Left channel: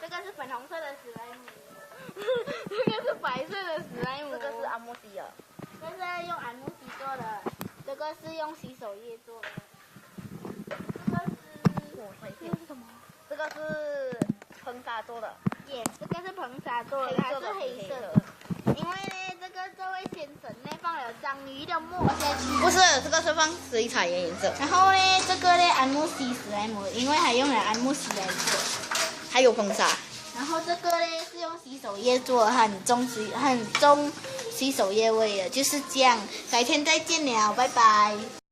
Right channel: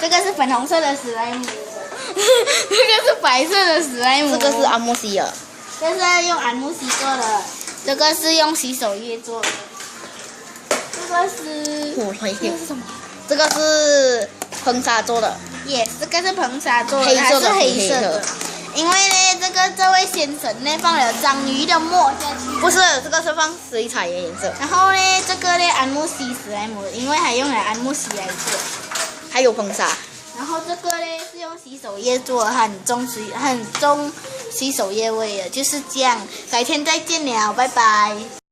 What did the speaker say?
这个是粉红色的史莱姆，这个是白色的史莱姆，这个是阿莫西尔，这是用安慕希做的，这个是用洗手液做的，这个是什么？这个是喷砂做的，这个是硼砂做的，黑色的它是黑色的。因为呢，这位先生呢放了章鱼的墨下去。不是，这个是放水彩的颜色。然后呢，这个呢安慕希史莱姆，因为还用了安慕希来做。还有硼砂。然后这个呢是用洗手液做的，很重洗手液味的，就是这样。改天再见了，拜拜。